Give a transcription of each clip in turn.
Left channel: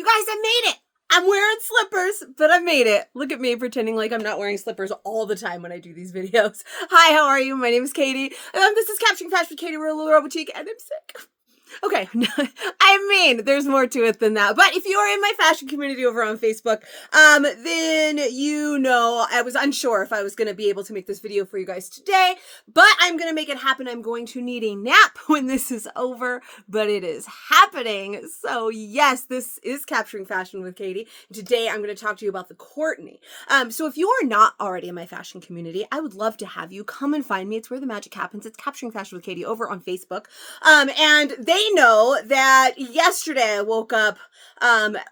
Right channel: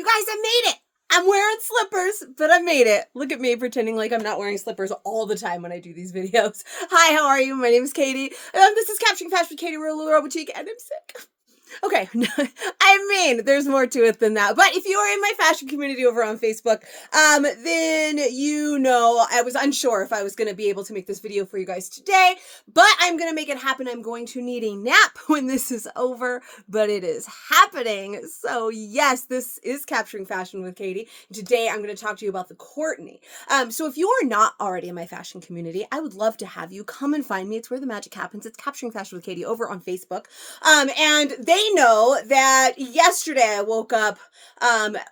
You guys, I made it. I'm wearing slippers, but I made it. Look at me pretending like I'm not wearing slippers all the time when I do these videos. Hi, how are you? My name is Katie. This is Capturing Fashion with Katie. We're a little boutique, and I'm sick. Okay, I mean, there's more to it than that. But if you are in my fashion community over on Facebook, then you know I was unsure if I was going to be able to make this video for you guys today, but I'm going to make it happen. I'm going to need a nap when this is over, but it is happening. So yes, this is Capturing Fashion with Katie. Today, I'm going to talk to you about the Courtney. So if you are not already in my fashion community, I would love to have you come and find me. It's where the magic happens. It's Capturing Fashion with Katie over on Facebook. And they know that yesterday I woke up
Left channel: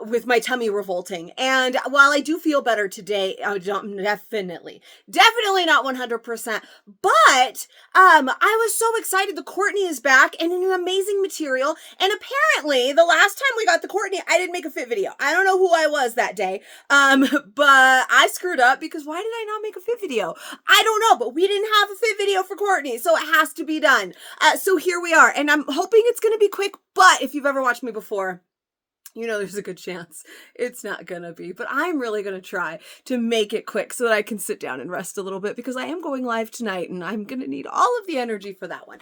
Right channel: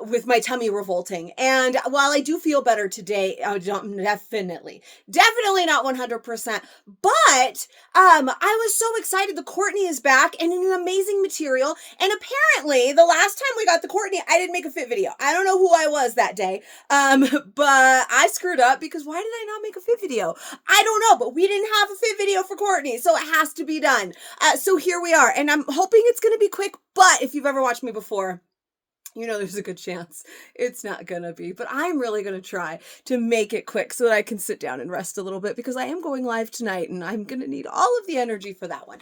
with my tummy revolting. And while I do feel better today, definitely not 100%, but I was so excited. The Courtney is back and in an amazing material. And apparently the last time we got the Courtney, I didn't make a fit video. I don't know who I was that day, but I screwed up because why did I not make a fit video? I don't know, but we didn't have a fit video for Courtney, so it has to be done. So here we are, and I'm hoping it's going to be quick, but if you've ever watched me before, you know there's a good chance it's not gonna be, but I'm really gonna try to make it quick so that I can sit down and rest a little bit because I am going live tonight and I'm gonna need all of the energy for that one.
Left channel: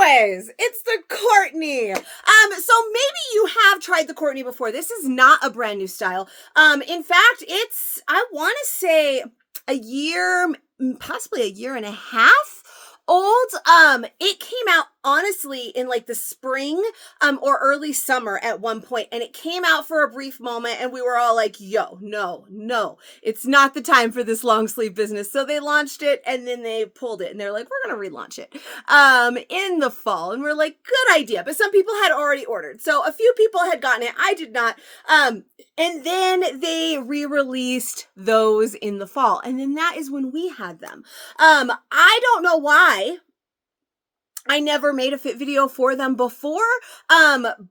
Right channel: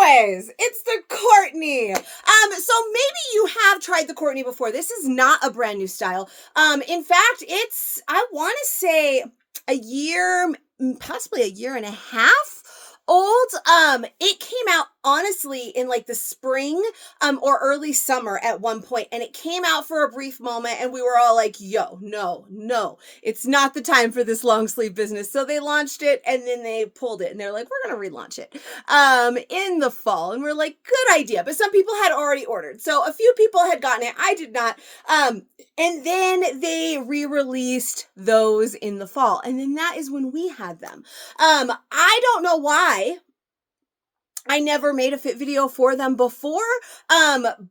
Anyways, it's the Courtney. So maybe you have tried the Courtney before. This is not a brand new style. In fact, it's, I want to say a year, possibly a year and a half old. It came out honestly in like the spring or early summer at one point, and it came out for a brief moment and we were all like, yo, no, it's not the time for this long sleeve business. So they launched it and then they pulled it and they're like, we're gonna relaunch it in the fall. And we're like, good idea. But some people had already ordered, so a few people had gotten it. I did not. And then they re-released those in the fall, and then that is when we had them. I don't know why I never made a fit video for them before,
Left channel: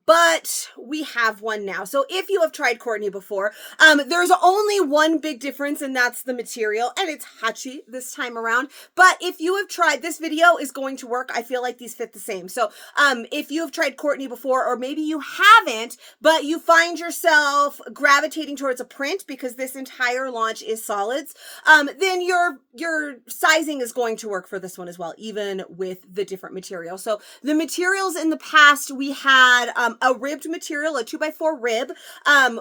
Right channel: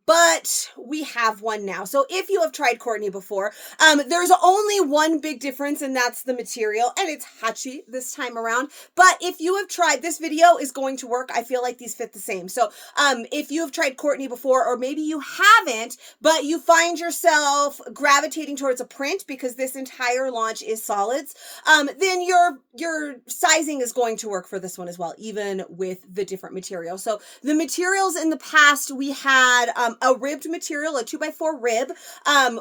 but we have one now. So if you have tried Courtney before, there's only one big difference, and that's the material, and it's Hacci this time around. But if you have tried, this video is going to work. I feel like these fit the same. So if you have tried Courtney before, or maybe you haven't, but you find yourself gravitating towards a print because this entire launch is solids, then your sizing is going to work for this one as well, even with the different material. So the materials in the past, we had a ribbed material, a 2x4 rib,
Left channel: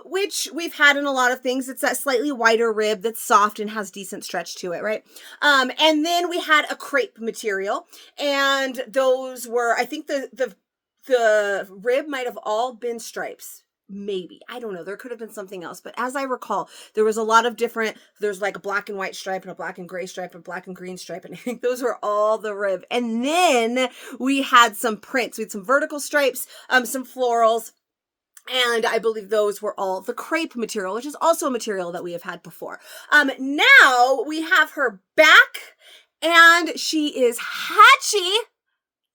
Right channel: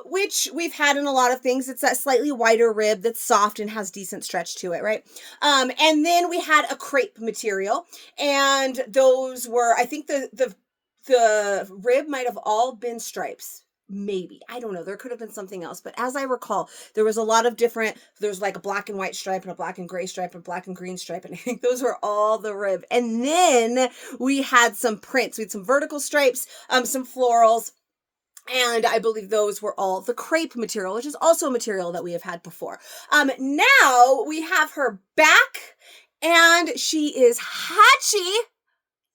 which we've had in a lot of things. It's that slightly wider rib that's soft and has decent stretch to it, right? And then we had a crepe material, and those were, I think the rib might have all been stripes. Maybe, I don't know, there could have been something else, but as I recall, there was a lot of different, there's like a black and white stripe and a black and gray stripe and black and green stripe, and I think those were all the rib. And then we had some prints. We had some vertical stripes, some florals, and I believe those were all the crepe material, which is also a material that we have had before. Now we have her back, and she is Hacci,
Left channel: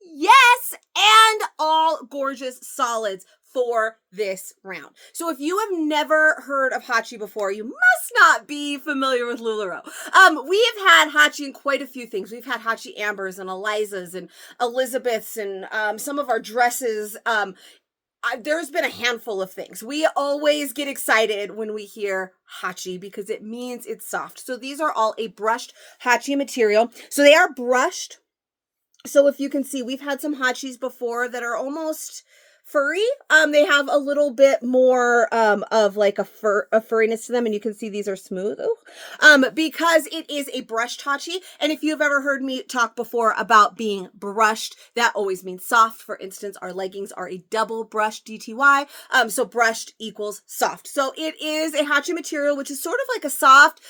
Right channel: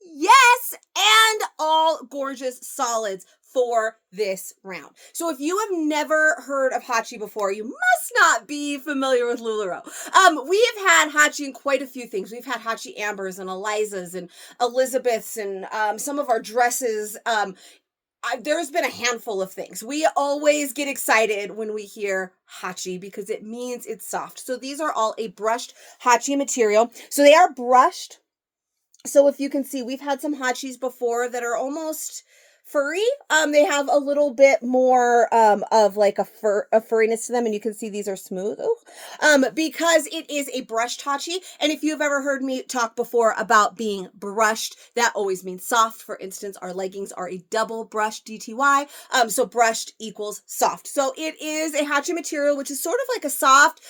yes, and all gorgeous solids for this round. So if you have never heard of Hacci before, you must not be familiar with LuLaRoe. We have had Hacci in quite a few things. We've had Hacci Ambers and Elizas and Elizabeths and some of our dresses. There's been a handful of things. We always get excited when we hear Hacci because it means it's soft. So these are all a brushed Hacci material. So they are brushed. So if you can see, we've had some Haccis before that are almost furry. They have a little bit more of like a furriness to them, and you can see these are smooth because it is a brushed Hacci. And if you've ever heard me talk before about being brushed, that always means soft. For instance, our leggings are a double brushed DTY, so brushed equals soft. So it is a Hacci material, which is sort of like a soft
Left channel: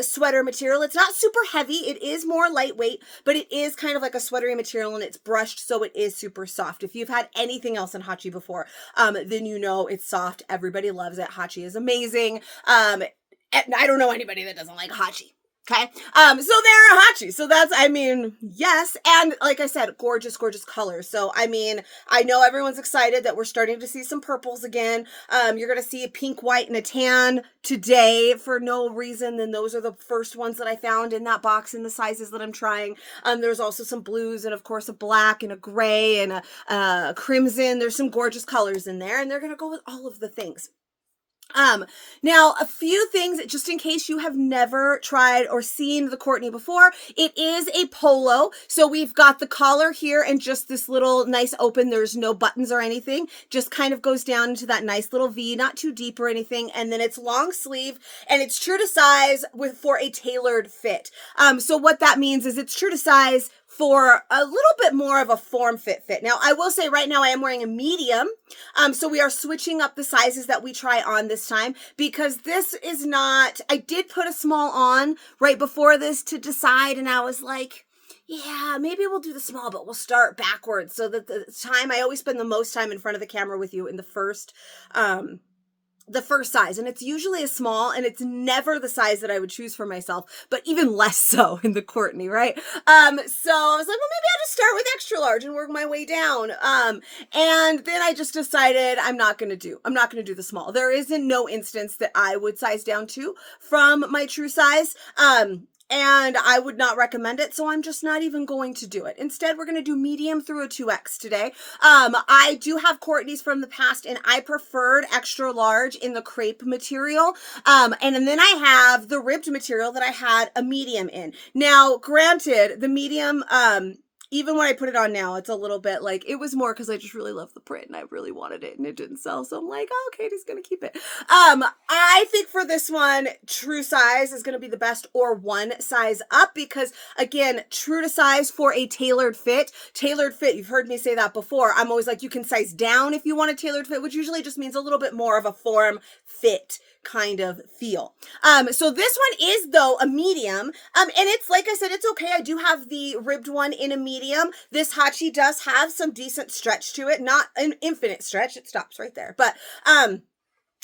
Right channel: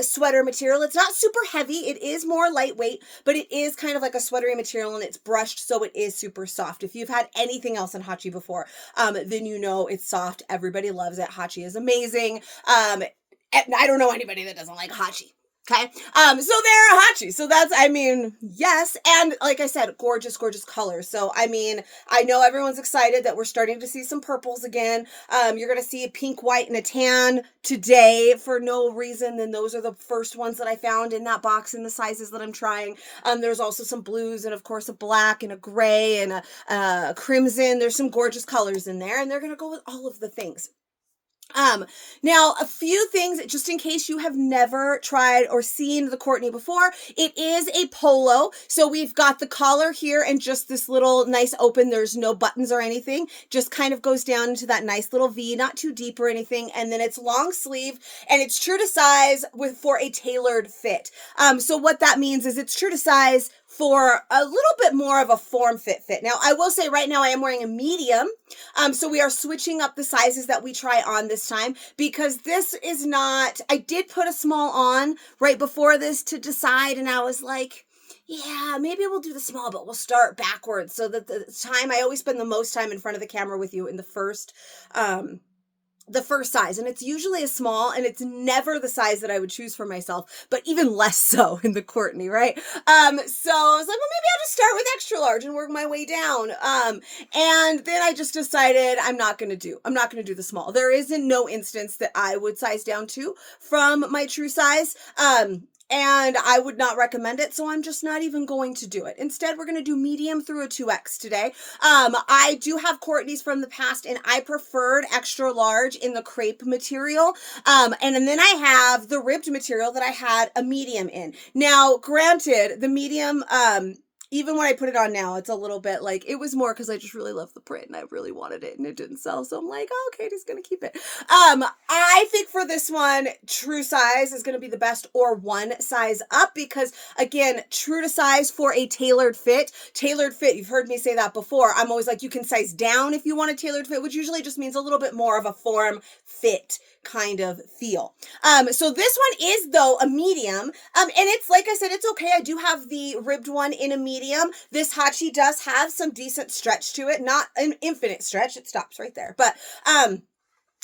sweater material. It's not super heavy, it is more lightweight, but it is kind of like a sweatery material, and it's brushed, so it is super soft. If you've had anything else in Hacci before, then you know it's soft. Everybody loves it. Hacci is amazing. I don't know anybody that doesn't like Hacci. Okay. So they're Hacci. So that's, I mean, yes. And like I said, gorgeous, gorgeous colors. So, I mean, I know everyone's excited that we're starting to see some purples again. You're going to see a pink, white, and a tan today for no reason. Then those are the first ones that I found in that box in the sizes that I'm trying. There's also some blues and of course a black and a gray and a crimson. There's some gorgeous colors in there, and they're going to go with all of the things. Now a few things just in case you have never tried or seen the Courtney before. It is a polo. So we've got the collar here and just this little nice open. There's no buttons or anything. Just kind of goes down into that nice little V, not too deep or anything. And then it's long sleeve and it's true to size for a tailored fit. So what that means is it's true to size for a little bit more of a form fit. Now, I will say right now I am wearing a medium. So we are switching up the sizes that we try on this time because this is not, I did put a small on right before this to decide. And I was like, yeah, maybe we'll do the small, but we'll start backwards so that the time, I always spend the most time in front of the camera with you in the first size, and it's usually a small, and it's never the size that I would choose for myself, but even less so in the Courtney, right? So I was like, well, maybe I'll just start with extra large and work my way down. And then I just decided I'm not going to do the small. There isn't no instance that I would size down to from my true size. And I would not recommend it, so I'm just not even going to do it. Instead, we're going to do medium through a 2X today. I do have Courtney's from the past, and I preferred extra large in the crepe material. And then I have the ribbed material that I had a medium in. Now, granted, the medium, even when I put it on now, it's a little bit like, it was more because I just really love the print and I really wanted it and it didn't sell. So I'm like, oh, Katie's going to keep it. I think for this one, true size is going to be the best, or one size up, because again, true to size for a tailored fit, you've heard me say that before. I'm always like, you can size down if you want a tailored fit, which usually just means a little bit more of a form fit kind of feel. So this one is though a medium. And it's, like I said, it's okay. I do have the ribbed one in a medium. This Hacci does have some decent stretch to it, not an infinite stretch. It stops right there, but,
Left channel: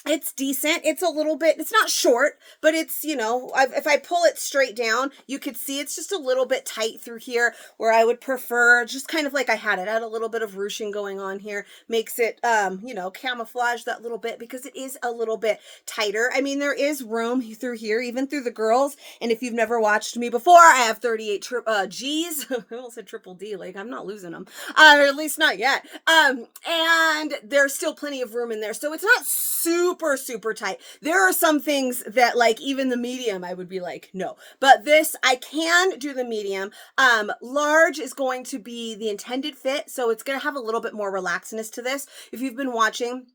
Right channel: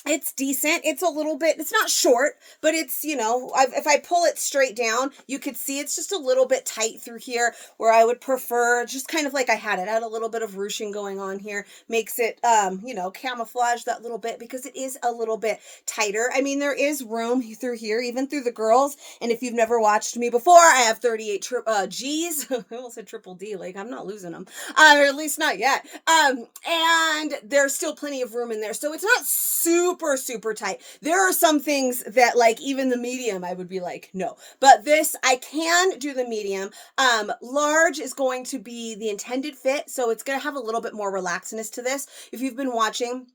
it's decent. It's a little bit, it's not short, but it's, you know, if I pull it straight down, you could see it's just a little bit tight through here, where I would prefer just kind of like I had it. I had a little bit of ruching going on here. Makes it, you know, camouflage that little bit because it is a little bit tighter. I mean, there is room through here, even through the girls. And if you've never watched me before, I have 38 G's. I almost said triple D. Like, I'm not losing them, or at least not yet. And there's still plenty of room in there. So it's not super tight. There are some things that, like, even the medium, I would be like, no. But this, I can do the medium. Large is going to be the intended fit, so it's going to have a little bit more relaxedness to this. If you've been watching,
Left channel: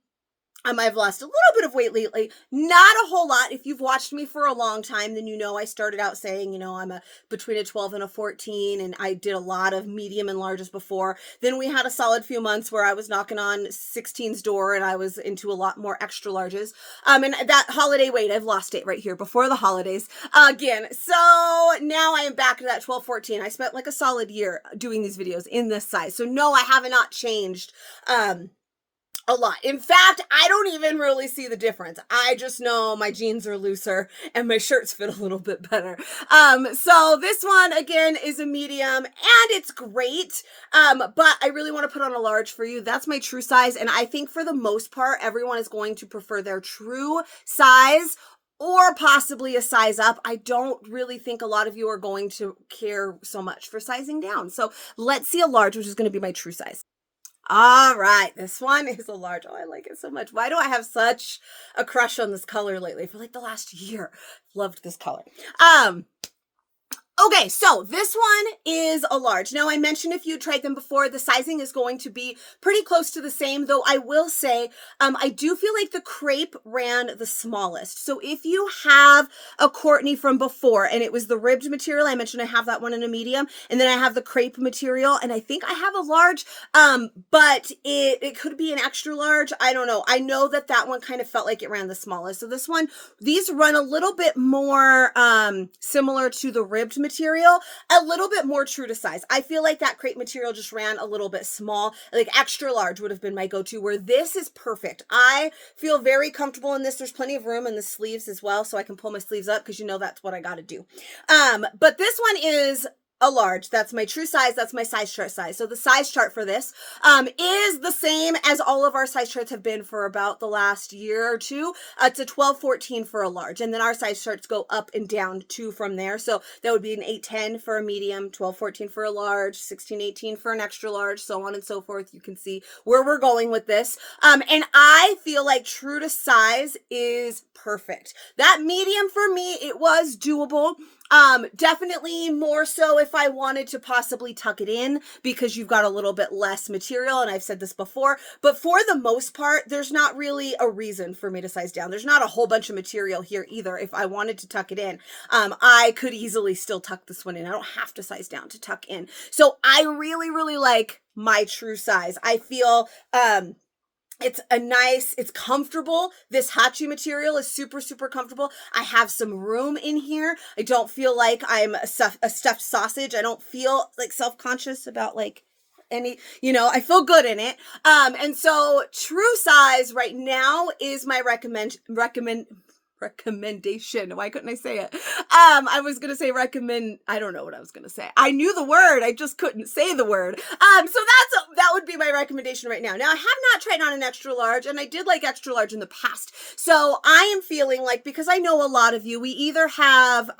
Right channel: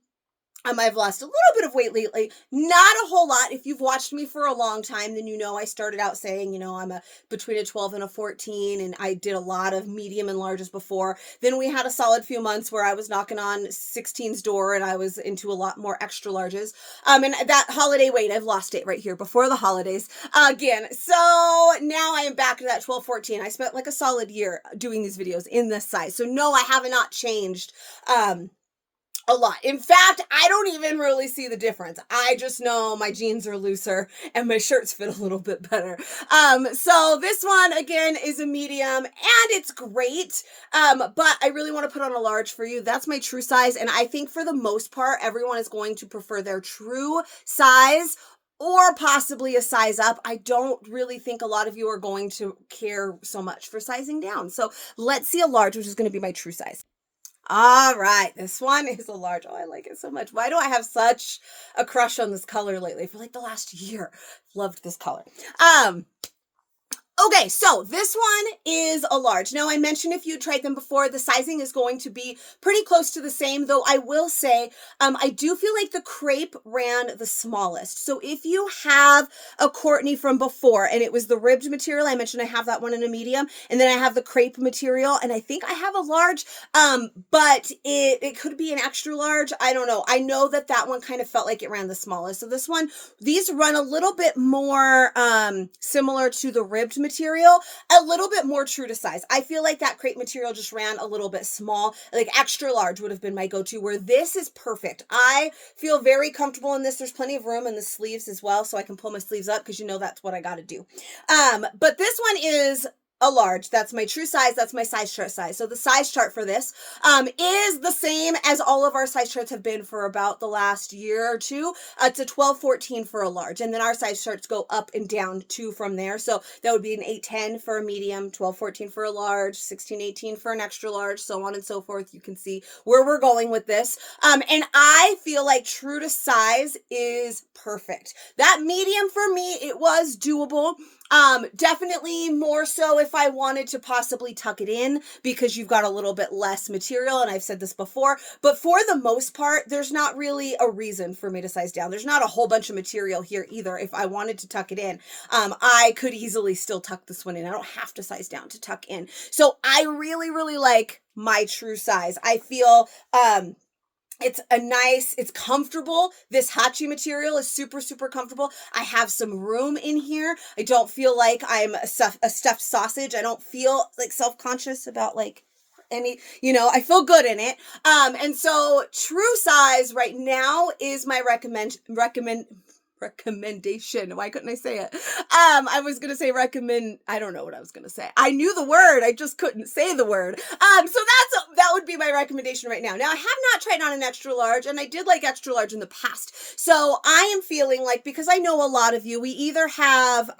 I've lost a little bit of weight lately, not a whole lot. If you've watched me for a long time, then you know I started out saying, you know, I'm between a 12 and a 14, and I did a lot of medium and larges before. Then we had a solid few months where I was knocking on 16's door, and I was into a lot more extra larges. And that holiday weight, I've lost it right here before the holidays again. So now I am back to that 12, 14. I spent like a solid year doing these videos in this size. So no, I have not changed, a lot. In fact, I don't even really see the difference. I just know my jeans are looser and my shirts fit a little bit better. So this one again is a medium, and it's great. But I really want to put on a large for you. That's my true size. And I think for the most part, everyone is going to prefer their true size or possibly a size up. I don't really think a lot of you are going to care so much for sizing down. So let's see a large, which is going to be my true size. All right, this one is a large. Oh, I like it so much. Why do I have such a crush on this color lately? For like the last year, loved this color. Okay, so this one is a large. Now, I mentioned if you tried them before, the sizing is going to be pretty close to the same, though I will say I do feel like the crepe ran the smallest. So if you have a Courtney from before and it was the ribbed material, I mentioned I have that one in a medium, and then I have the crepe material, and I think I have a large, but it could be an extra large. I don't know. I know that that one kind of felt like it ran the smallest. So this one, these run a little bit more similar to the ribbed material, a little bit more true to size. I feel like that crepe material just ran a little bit small. Like extra large would have been my go-to, where this is perfect. I feel very comfortable in this. There's plenty of room in the sleeves as well, so I can pull my sleeves up because you know that's what I got to do. But this one is a large. That's my true size. That's my size chart size. So the size chart for this is the same as all of our size charts have been for about the last year or two. It's a 12-14 for a large. And then our size charts go up and down too from there. So that would be an 8-10 for a medium, 12-14 for a large, 16-18 for an extra large, so on and so forth. You can see where we're going with this. And I feel like true to size is perfect. That medium for me, it was doable. Definitely more so if I wanted to possibly tuck it in because you've got a little bit less material, and I've said this before, but for the most part, there's not really a reason for me to size down. There's not a whole bunch of material here either. If I wanted to tuck it in, I could easily still tuck this one in. I don't have to size down to tuck in. So I really, really like my true size. I feel, it's comfortable. This Hacci material is super, super comfortable. I have some room in here. I don't feel like I'm a stuffed sausage. I don't feel like self-conscious about like any, I feel good in it. And so true size right now is my recommendation. Why couldn't I say it? I was going to say recommend. I don't know what I was going to say. I knew the word. I just couldn't say the word. So that would be my recommendation right now. Now I have not tried on an extra large, and I did like extra large in the past. So I am feeling like, because I know a lot of you, we either have,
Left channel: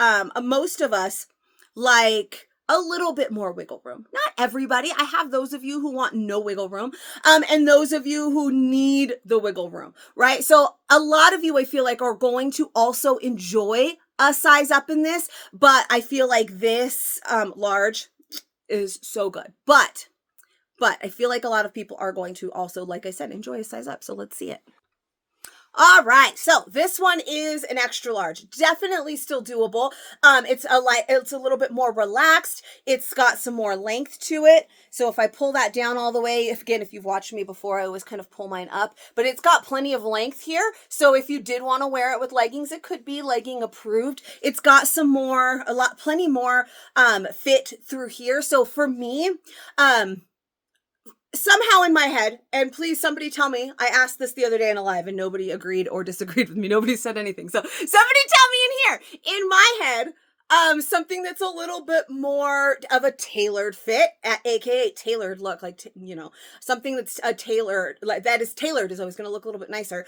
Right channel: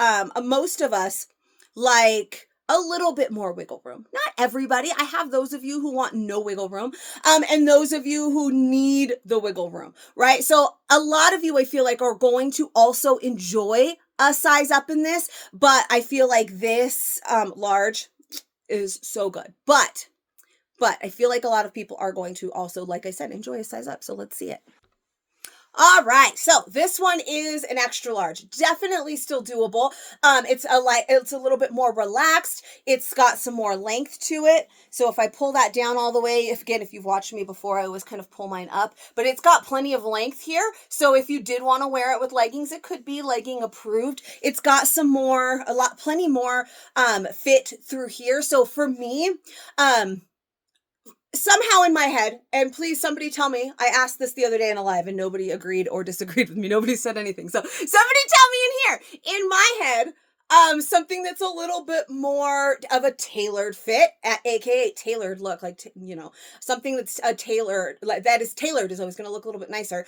most of us like a little bit more wiggle room. Not everybody. I have those of you who want no wiggle room, and those of you who need the wiggle room, right? So a lot of you, I feel like, are going to also enjoy a size up in this, but I feel like this large is so good. But I feel like a lot of people are going to also, like I said, enjoy a size up. So let's see it. All right, so this one is an extra large. Definitely still doable. It's a little bit more relaxed. It's got some more length to it. So if I pull that down all the way, if you've watched me before, I always kind of pull mine up, but it's got plenty of length here. So if you did want to wear it with leggings, it could be legging approved. It's got plenty more fit through here. So for me, somehow in my head, and please somebody tell me, I asked this the other day in a live and nobody agreed or disagreed with me. Nobody said anything. So somebody tell me in here, in my head, something that's a little bit more of a tailored fit, aka tailored look, like, something that's a tailored, like that is tailored is always going to look a little bit nicer.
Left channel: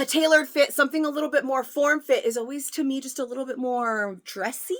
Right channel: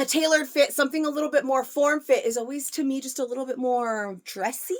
A tailored fit, something a little bit more form fit is always, to me, just a little bit more dressy.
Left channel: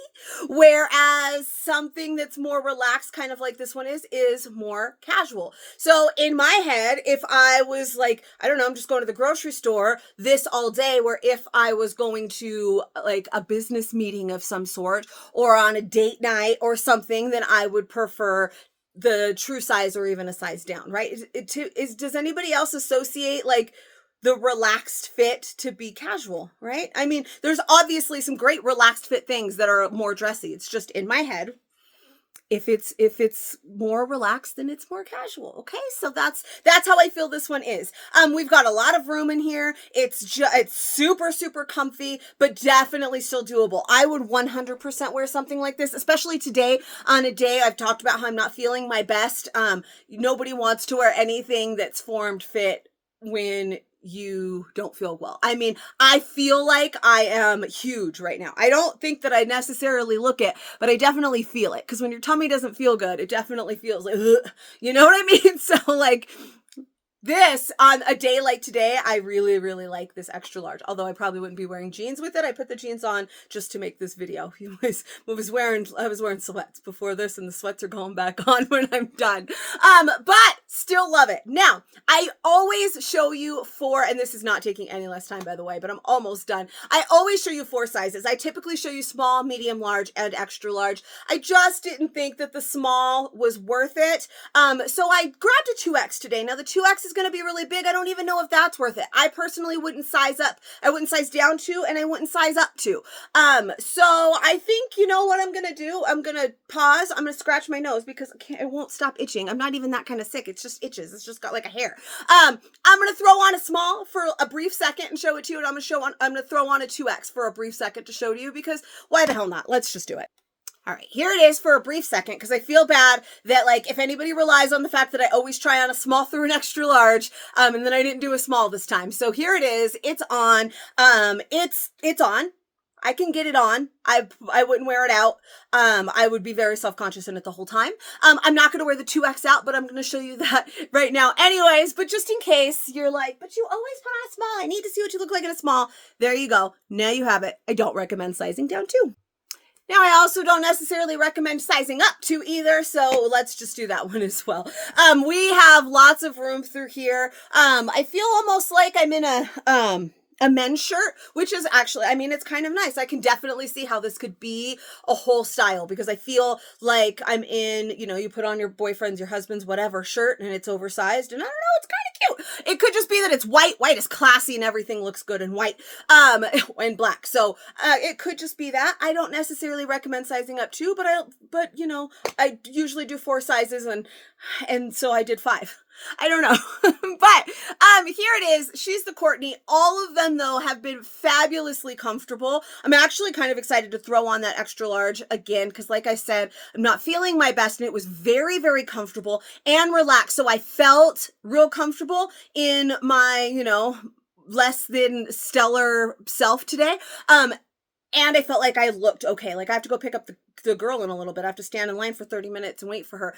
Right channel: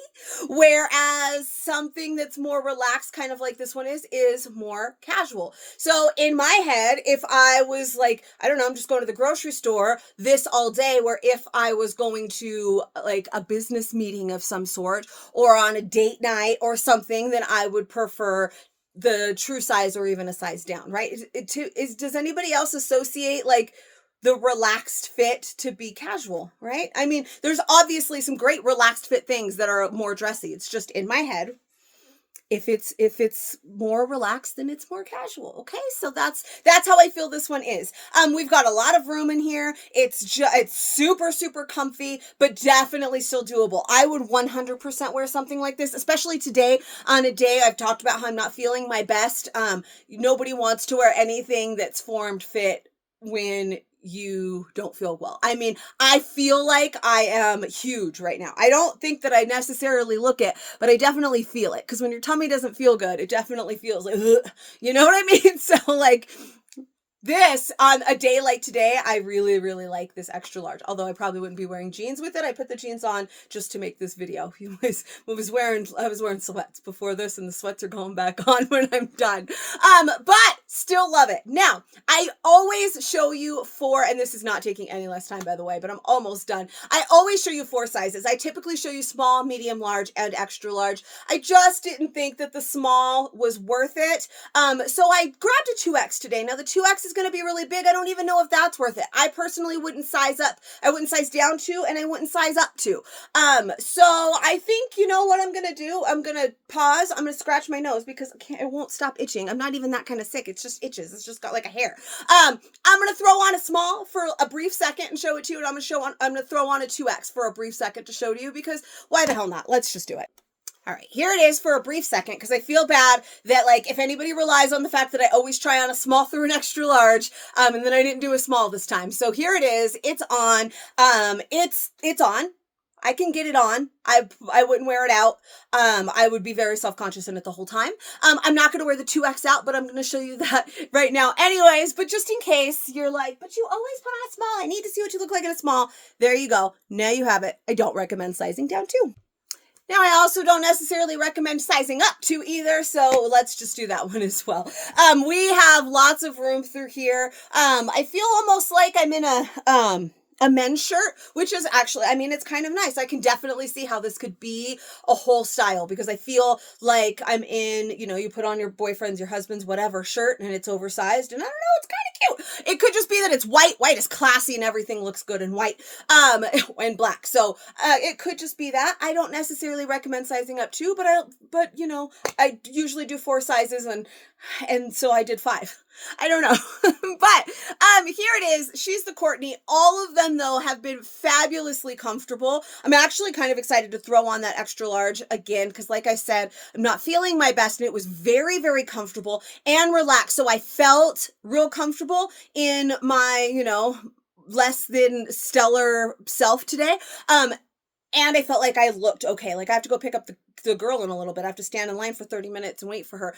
Whereas something that's more relaxed, kind of like this one is more casual. So in my head, if I was like, I don't know, I'm just going to the grocery store this all day, where if I was going to like a business meeting of some sort or on a date night or something, then I would prefer the true size or even a size down, right? Does anybody else associate like the relaxed fit to be casual, right? I mean, there's obviously some great relaxed fit things that are more dressy. It's just in my head. If it's more relaxed, then it's more casual. Okay, so that's how I feel this one is. We've got a lot of room in here. It's super, super comfy, but definitely still doable. I would 100% wear something like this, especially today on a day I've talked about how I'm not feeling my best. Nobody wants to wear anything that's formed fit when you don't feel well. I mean, I feel like I am huge right now. I don't think that I necessarily look it, but I definitely feel it. Because when your tummy doesn't feel good, it definitely feels like, ugh, you know what I mean? So like this, on a day like today, I really, really like this extra large. Although I probably wouldn't be wearing jeans with it. I put the jeans on just to make this video. I was wearing sweats before this, and the sweats are going back on when I'm done. But still love it. Now, I always show you and this is not taking any less time, by the way, but I'm almost done. I always show you 4 sizes. I typically show you small, medium, large, and extra large. I just didn't think that the small was worth it. So I grabbed a 2X today. Now the 2X is going to be really big. I don't even know if that's worth it. I personally wouldn't size up. I wouldn't size down to, and I wouldn't size up to. So I think, you know what I'm going to do? I'm going to pause. I'm going to scratch my nose because it won't stop itching. I'm not even that kind of sick. It's just itches. It's just got like a hair. I'm going to throw on a small for a brief second and show it to you. And I'm going to throw on a 2X for a brief second to show to you, because why the hell not? Let's just do it. All right, here it is for a brief second, because I feel bad that, like, if anybody relies on the fact that I always try on a small through an extra large, and then I didn't do a small this time. So here it is. It's on. It's on. I can get it on. I wouldn't wear it out. I would be very self-conscious in it the whole time. I'm not going to wear the 2X out, but I'm going to show you that right now anyways. But just in case you're like, but you always put on a small. I need to see what you look like in a small. There you go. Now you have it. I don't recommend sizing down too. Now, I also don't necessarily recommend sizing up to either, so let's just do that one as well. We have lots of room through here. I feel almost like I'm in a men's shirt, which is actually, I mean, it's kind of nice. I can definitely see how this could be a whole style because I feel like I'm in, you know, you put on your boyfriend's, your husband's, whatever shirt and it's oversized and I don't know, it's kind of cute. It could just be that it's white. White is classy and everything looks good in white, and black. So, it could just be that. I don't necessarily recommend sizing up too, but you know, I usually do 4 sizes and so I did 5. I don't know. But here it is. She's the Courtney. All of them, though, have been fabulously comfortable. I'm actually kind of excited to throw on that extra large again because, like I said, I'm not feeling my best, and it was very, very comfortable and relaxed. So I felt real comfortable in my, you know, less than stellar self today. And I felt like I looked okay. Like I have to go pick up the girl in a little bit. I have to stand in line for 30 minutes and wait for her.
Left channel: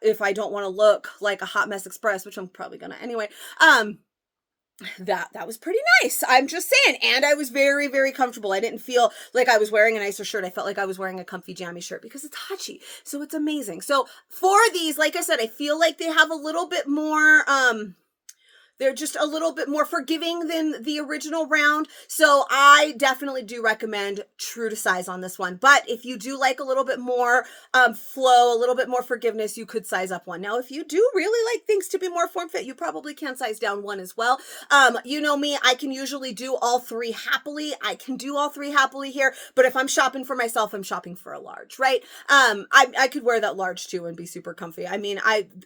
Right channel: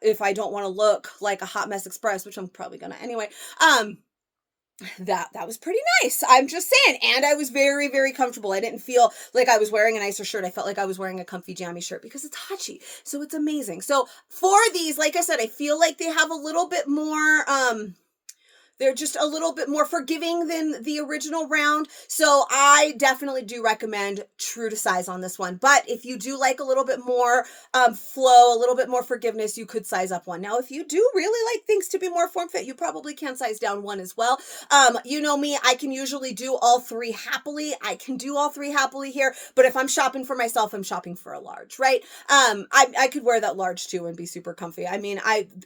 If I don't want to look like a hot mess express, which I'm probably gonna anyway. That was pretty nice. I'm just saying. And I was very, very comfortable. I didn't feel like I was wearing a nicer shirt. I felt like I was wearing a comfy jammy shirt because it's Hacci. So it's amazing. So for these, like I said, I feel like they have a little bit more, they're just a little bit more forgiving than the original round. So I definitely do recommend true to size on this one. But if you do like a little bit more flow, a little bit more forgiveness, you could size up one. Now, if you do really like things to be more form fit, you probably can size down one as well. You know me, I can usually do all 3 happily. I can do all 3 happily here. But if I'm shopping for myself, I'm shopping for a large, right? I could wear that large too and be super comfy. I mean,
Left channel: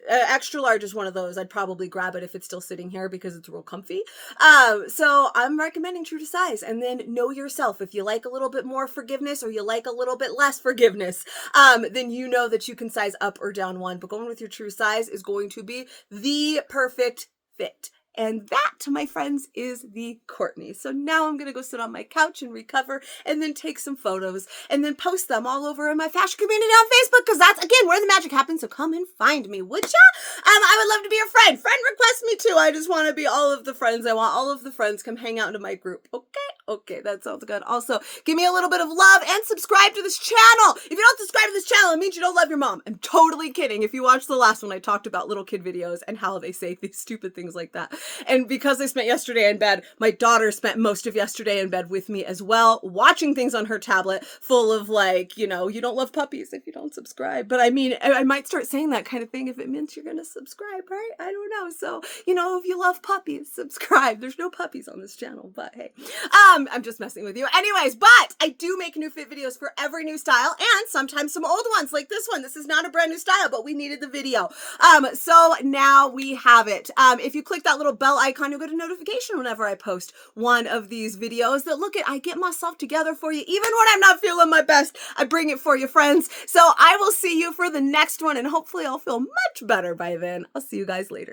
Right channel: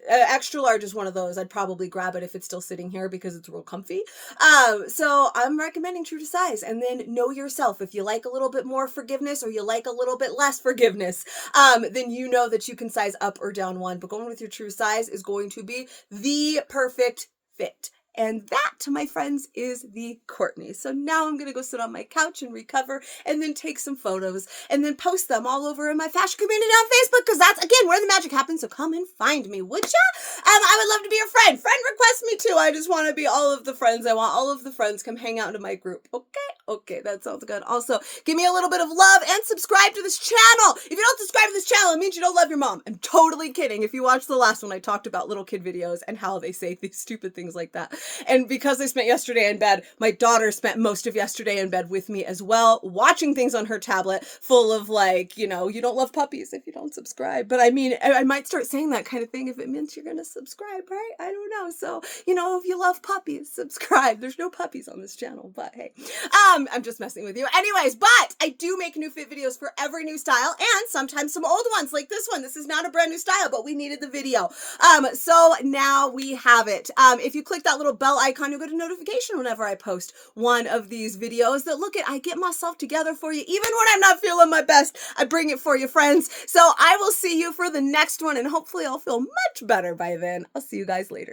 extra large is one of those. I'd probably grab it if it's still sitting here because it's real comfy. So I'm recommending true to size, and then know yourself. If you like a little bit more forgiveness or you like a little bit less forgiveness, then you know that you can size up or down one, but going with your true size is going to be the perfect fit. And that, my friends, is the Courtney. So now I'm going to go sit on my couch and recover and then take some photos and then post them all over in my fashion community on Facebook because that's, again, where the magic happens. So come and find me, would ya? I would love to be your friend. Friend request me too. I just want to be all of the friends. I want all of the friends come hang out into my group. Okay, that sounds good. Also, give me a little bit of love and subscribe to this channel. If you don't subscribe to this channel, it means you don't love your mom. I'm totally kidding. If you watched the last one, I talked about little kid videos and how they say these stupid things like that. And because I spent yesterday in bed, my daughter spent most of yesterday in bed with me as well, watching things on her tablet full of like, you know, you don't love puppies if you don't subscribe. But I mean, I might start saying that kind of thing if it means you're going to subscribe, right? I don't know. So, you know, if you love puppies, subscribe. There's no puppies on this channel, but hey, I'm just messing with you. Anyways, but I do make new fit videos for every new style and sometimes some old ones like this one. This is not a brand new style, but we needed the video. So now we have it. If you click that little bell icon, you'll get a notification whenever I post one of these videos that I get myself together for you. Even when I'm not feeling my best, I bring it for you, friends. So I will see you for the next one and hopefully I'll feel much better by then. I'll see you guys later.